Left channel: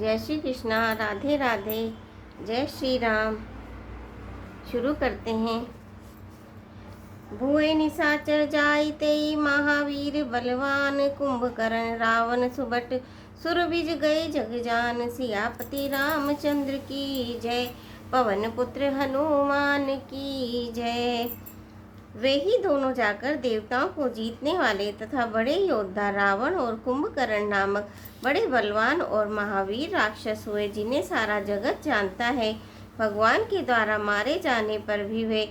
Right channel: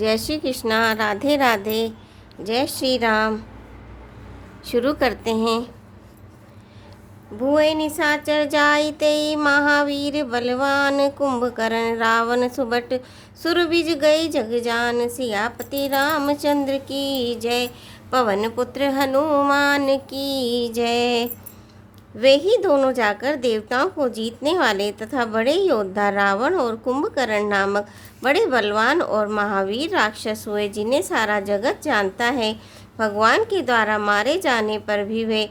जय श्री कृष्णा। राधे राधे। जय श्री राम। शुरू करते हैं। भुए निशाचर जाइते महावीर बलवान, कुंभकर्ण रावण सुबट सुरभिज गए जगजान। सियापति रामचंद्र की जय, पवन पुत्र हनुमान की जय। वे ही दोनों जाकर देवताओं को जीतने वाले तथा बड़े योद्धा रावण और कुंभकर्ण नामक बड़े बलवान और महावीर राक्षस हुए, जिन्हें सारा जगत जानता है। भगवान के द्वारा मारे जाने पर भी वे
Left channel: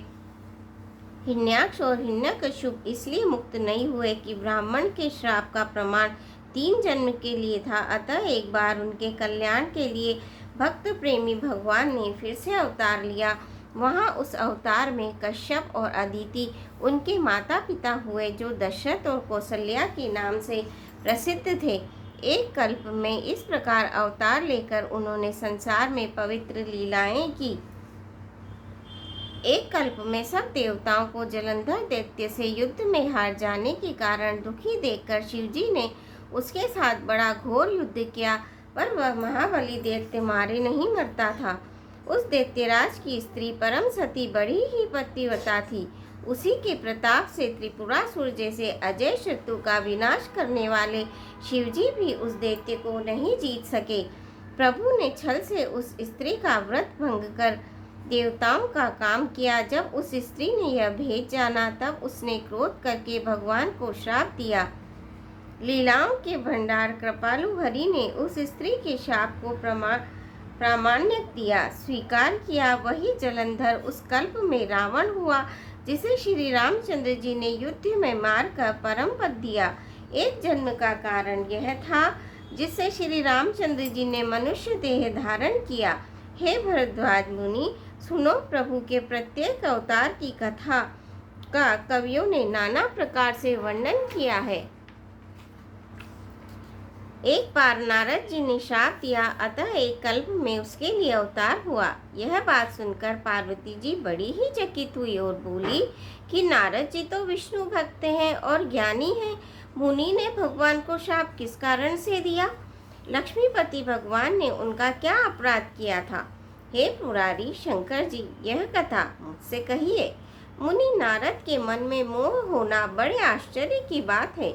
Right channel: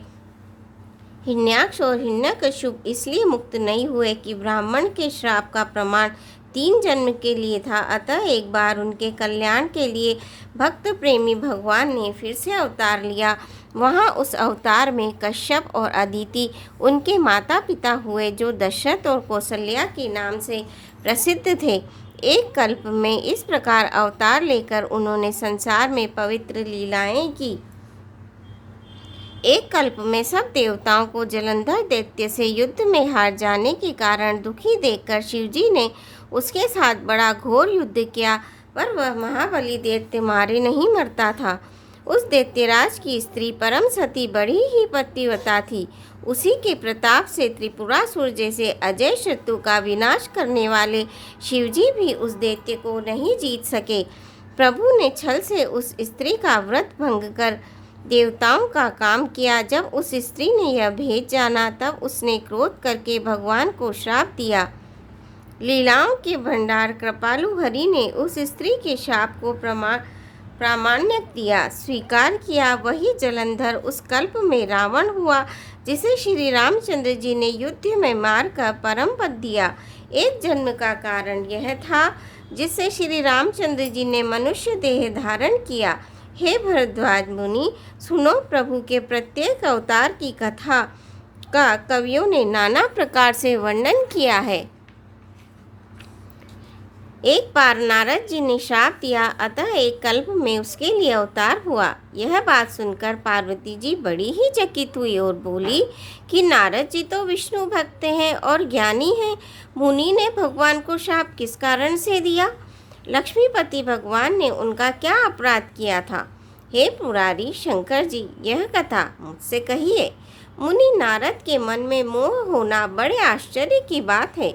हिरण्याक्ष और हिरण्यकश्यप इसलिए मुक्त नहीं हुए कि ब्राह्मण के श्राप का प्रमाण 3 जन्म के लिए था। अतः एक बार उनके कल्याण के लिए भक्त प्रेमी भगवान ने फिर से अवतार लिया। वहाँ उस अवतार में कश्यप और अदिति उनके माता पिता हुए, जो दशरथ और कौशल्या के नाम से प्रसिद्ध थे। एक कल्प में इस प्रकार अवतार लेकर उन्होंने संसार में पवित्र लीलाएं की। एक कल्प में सब देवताओं को जलंधर दैत्य से युद्ध में हार जाने के कारण दुखी देखकर शिवजी ने उसके साथ बड़ा घोर युद्ध किया, पर वह महाबली दैत्य मारे नहीं मरता था। उस दैत्यराज की स्त्री परम सती बड़ी ही पतिव्रता थी। उसी के प्रताप से त्रिपुरासुर जैसे अजय शत्रु का विनाश करने वाले शिवजी भी उस दैत्य को नहीं जीत सके। प्रभु ने छल से उस स्त्री का व्रत भंग कर देवताओं का काम किया। जब उस स्त्री ने यह भेद जाना, तब उसने क्रोध करके भगवान को श्राप दिया। लीलाओं के भंडार कृपालु हरि ने उस स्त्री के शाप को प्रामाण्य दिया, स्वीकार किया। वही जलंधर उस कल्प में रावण हुआ, जिसे श्री रामचंद्र जी ने युद्ध में मारकर परम पद दिया। एक जन्म का कारण यह था जिससे श्री रामचंद्र जी ने मनुष्य देह धारण किया। हे भरद्वाज मुनि, सुनो, प्रभु के प्रत्येक अवतार की कथा का कवियों ने नाना प्रकार से वर्णन किया है। एक बार नारद जी ने श्राप दिया, अतः एक कल्प में उसके लिए अवतार हुआ। यह बात सुनकर पार्वती जी बड़ी ही चकित हुई और बोली कि नारद जी तो विष्णु भक्त हैं और ज्ञानी हैं, मुनि ने भगवान को श्राप किस कारण से दिया? लक्ष्मीपति भगवान ने उनका क्या अपराध किया था? हे पुरारी शंकर जी, यह कथा मुझसे कहिए। मुनि नारद के मन में मोह होना बड़े आश्चर्य की बात है।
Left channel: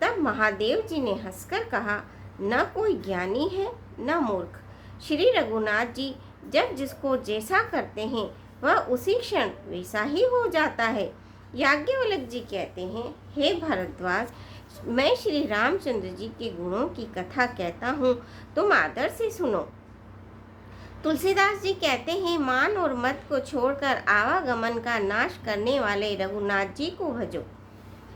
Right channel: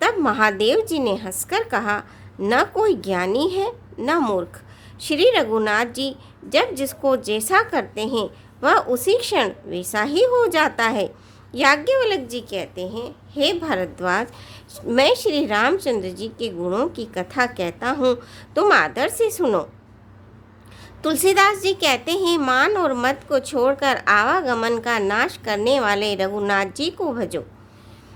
तब महादेव जी ने हंसकर कहा, न कोई ज्ञानी है न मूर्ख। श्री रघुनाथ जी जब जिसको जैसा करते हैं, वह उसी क्षण वैसा ही हो जाता है। याज्ञवल्क्य जी कहते हैं, हे भरद्वाज, मैं श्री रामचंद्र जी के गुणों की कथा कहता हूँ, तुम आदर से सुनो। तुलसीदास जी कहते हैं, मान और मत को छोड़कर आवागमन का नाश करने वाले रघुनाथ जी को भजो।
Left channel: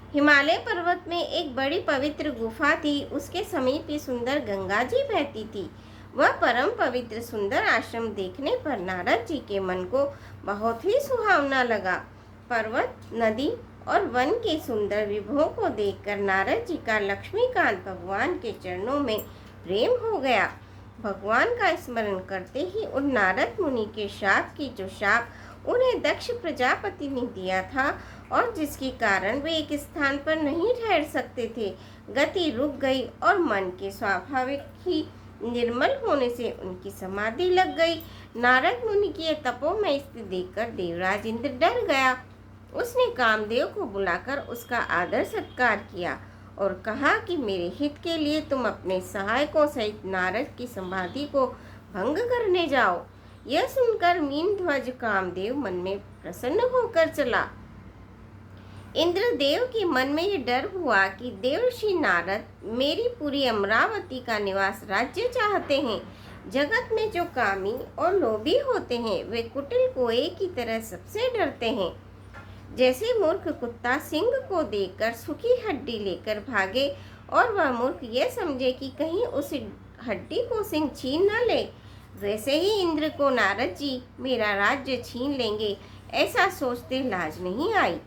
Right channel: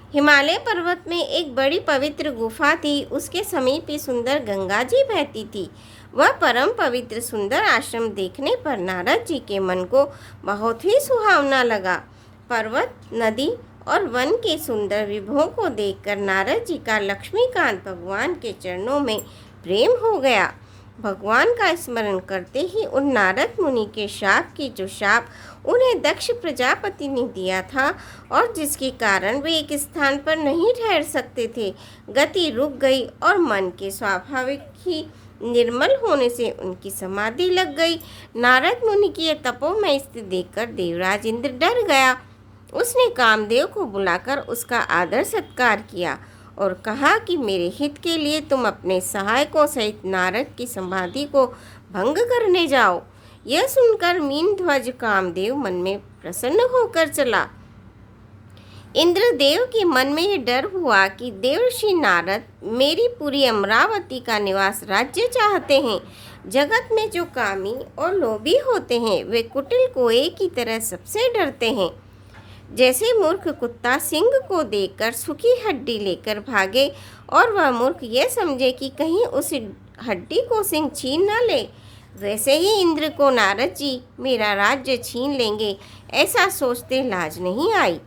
हिमालय पर्वत में एक बड़ी पवित्र गुफा थी। उसके समीप ही सुंदर गंगा जी बहती थी। वह परम पवित्र सुंदर आश्रम देखने पर नारद जी के मन को बहुत ही सुहावना लगा। पर्वत, नदी और वन के सुंदर विभवों को देखकर नारद जी का लक्ष्मीकांत भगवान के चरणों में प्रेम हो गया। भगवान का स्मरण करते ही उन नारद मुनि के शाप की जो शाप उन्हें दक्ष प्रजापति ने दिया था और जिसके कारण वे एक स्थान पर नहीं ठहर सकते थे, गति रुक गई और मन के स्वाभाविक ही निर्मल होने से उनकी समाधि लग गई। नारद मुनि की यह तपोमय स्थिति देखकर देवराज इंद्र डर गया। उसने कामदेव को बुलाकर उसका आदर सत्कार किया और कहा कि मेरे हित के लिए तुम अपने सहायकों सहित नारद की समाधि को भंग करने जाओ। यह सुनकर मीनध्वज कामदेव मन में प्रसन्न होकर चला। इंद्रदेव के मन में यह डर हुआ कि देवर्षि नारद मेरी पूरी अमरावती का निवास राज्य चाहते हैं। जगत में जो कामी और लोभी होते हैं, वे कुटिल कोए की तरह सबसे डरते हैं। जैसे मूर्ख कुत्ता सिंह को देखकर सूखी हड्डी लेकर भागे और वह मूर्ख यह समझे कि कहीं उस हड्डी को सिंह छीन न ले, वैसे ही इंद्र को नारद जी मेरा राज्य छीन लेंगे, ऐसा सोचते लाज नहीं आई।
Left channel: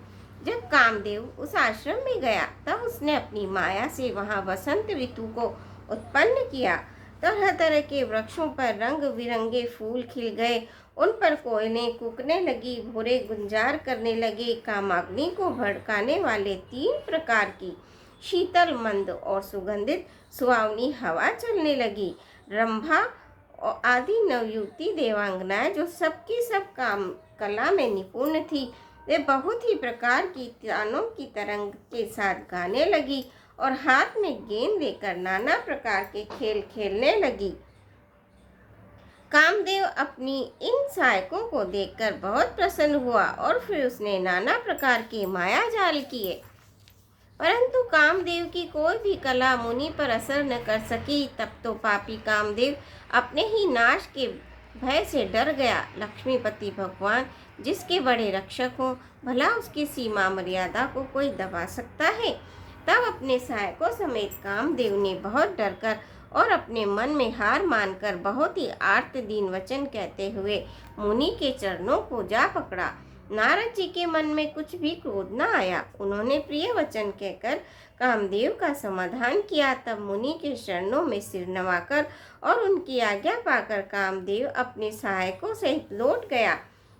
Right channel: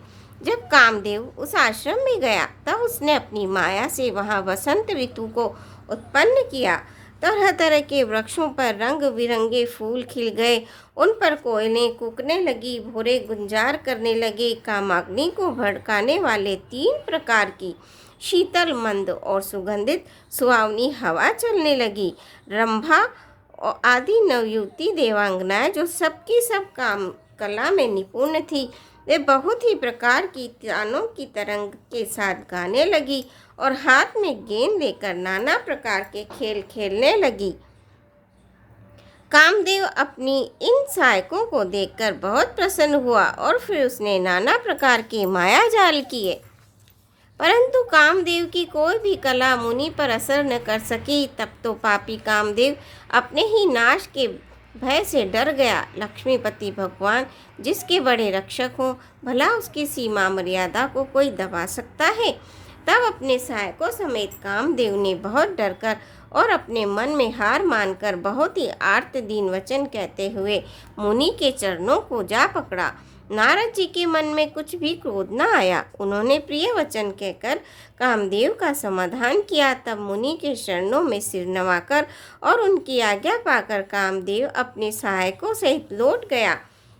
जब कामदेव उस आश्रम में गया, तब उसने अपनी माया से वहाँ वसंत ऋतु को उत्पन्न किया। तरह तरह के वृक्षों पर रंग बिरंगे फूल खिल गए, उन पर कोयलें कूकने लगी, भोरे गुंजार करने लगे। कामाग्नि को भड़काने वाले 3 प्रकार की शीतल, मंद और सुगंधित सुहावनी हवा चलने लगी। रंभा और आदि नवयुवती देवांगनाएं जो सबकी सब काम कला में निपुण थी, वे बहुत ही प्रकार की तानों की तरंग के साथ गाने लगी और हाथ में गेंद लेकर नाना प्रकार के खेल खेलने लगी। कामदेव अपनी इन सहायकों को देखकर बहुत प्रसन्न हुआ और फिर उसने नाना प्रकार के माया जाल किए, परंतु कामदेव की कोई भी कला मुनि पर असर न कर सकी। तब तो पापी कामदेव अपने ही नाश के भय से डर गया। लक्ष्मीपति भगवान जिसके बड़े रक्षक हों, भला उसकी सीमा मर्यादा को कोई दबा सकता है। तब अपने सहायकों समेत कामदेव ने बहुत डरकर और अपने मन में हार मानकर बहुत ही आर्त दीन वचन कहते हुए मुनि के चरणों को जा पकड़ा। नारद जी के मन में कुछ भी क्रोध न आया। उन्होंने प्रिय वचन कहकर कामदेव का समाधान किया। तब मुनि के चरणों में सिर नवाकर और उनकी आज्ञा पाकर कामदेव अपने सहायकों सहित लौट गया।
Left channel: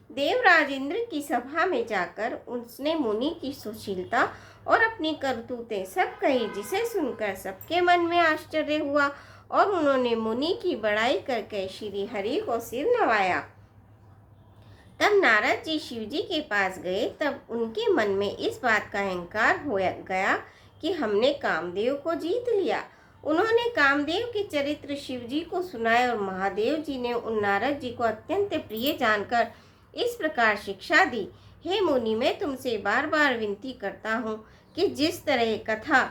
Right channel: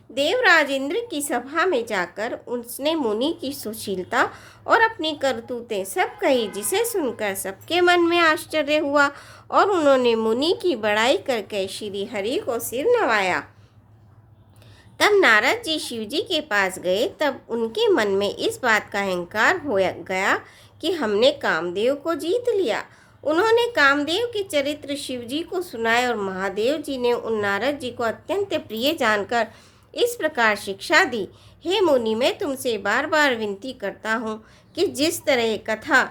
देवराज इंद्र की सभा में जाकर उसने मुनि की सुशीलता और अपनी करतूतें सब कही, जिसे सुनकर सबके मन में आश्चर्य हुआ और उन्होंने मुनि की बड़ाई करके श्री हरि को सिर नवाया। तब नारद जी शिव जी के पास गए। तब उनके मन में इस बात का अहंकार हो गया कि हमने कामदेव को जीत लिया। उन्होंने कामदेव के चरित्र शिव जी को सुनाए और महादेव जी ने उन नारद जी को अत्यंत प्रिय जानकर इस प्रकार शिक्षा दी। हे मुनि, मैं तुमसे बार बार विनती करता हूँ कि जिस तरह कथा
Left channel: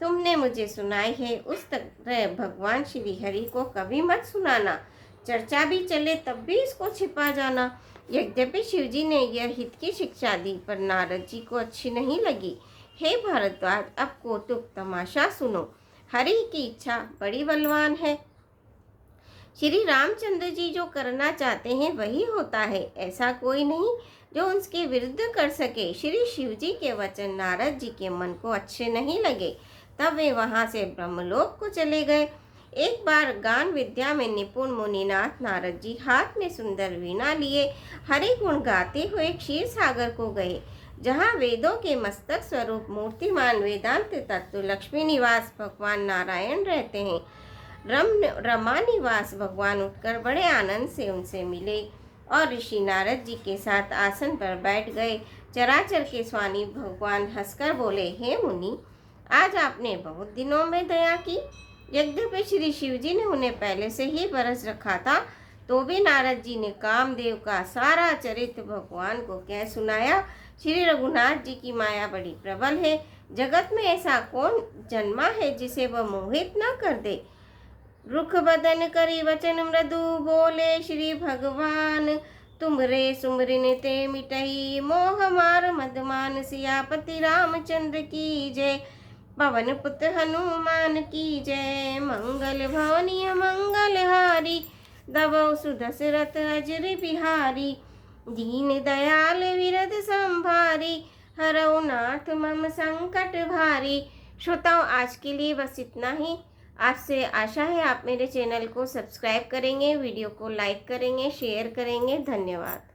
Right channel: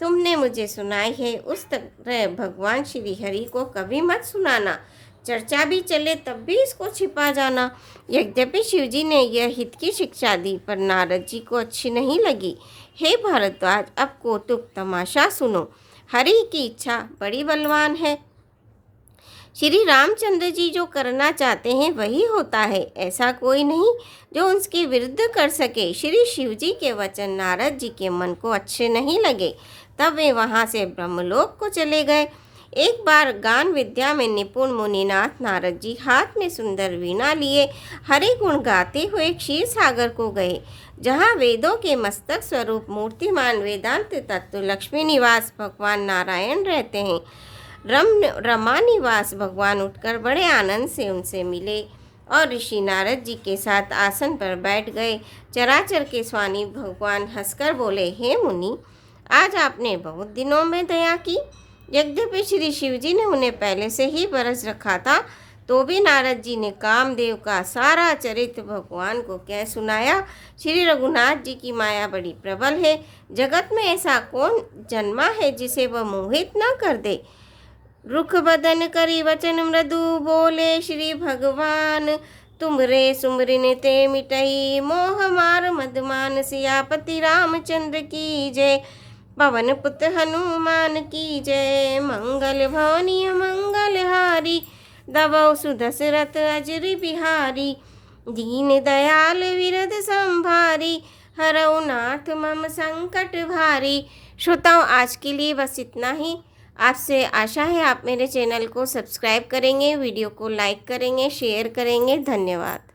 तुमने मुझे सुनाई है उस तरह भगवान श्री हरि को कभी मत सुनाना। चर्चा भी चले तब भी इसको छिपा जाना। यद्यपि शिवजी ने यह हित की शिक्षा दी, पर नारद जी को अच्छी नहीं लगी। हे भारद्वाज, अब कौतुक तमाशा सुनो। हरि की इच्छा बड़ी बलवान है। श्री रामचंद्र जी जो करना चाहते हैं वही होता है। ऐसा कोई नहीं जो उसके विरुद्ध कर सके। श्री शिव जी के वचन नारद जी के मन को अच्छे नहीं लगे। तब वे वहाँ से ब्रह्मलोक को चले गए। एक बार गान विद्या में निपुण मुनिनाथ नारद जी हाथ में सुंदर वीणा लिए हरि गुण गाते हुए क्षीर सागर को गए, जहाँ वेदों के मस्तक स्वरूप मूर्तिमान वेदांत तत्व लक्ष्मी निवास भगवान नारायण रहते हैं। रमा निवास भगवान उठकर बड़े आनंद से उनसे मिले और ऋषि नारद जी के साथ आसन पर बैठ गए। चराचर के स्वामी भगवान हंसकर बोले, हे मुनि, आज आपने बहुत दिनों में दया की। यद्यपि श्री शिव जी ने उन्हें पहले से ही बरस रखा था, तो भी नारद जी ने कामदेव का सारा चरित्र भगवान को कह सुनाया। श्री रघुनाथ जी की माया बड़ी प्रबल है। जगत में ऐसा कौन जन्मा है जिसे वह मोहित न कर दे। रुख बदन करी वचन मृदु बोले श्री भगवान, तुमरे सुमरिन ते मिटई मोह मार मदमान। सियापति रामचंद्र की जय, पवन पुत्र हनुमान की जय। मंगल भवनीय मंगलहारी, दबौ सुदशरथ अजर बिहारी। दीन दयाल विरद संभारी, हरौ नाथ मम संकट भारी। श्रोताओं, आज के लिए बस इतना ही। आपसे आशा है आप मेरे चैनल को सब्सक्राइब करेंगे, वीडियो को लाइक करेंगे, शेयर करेंगे। धन्यवाद।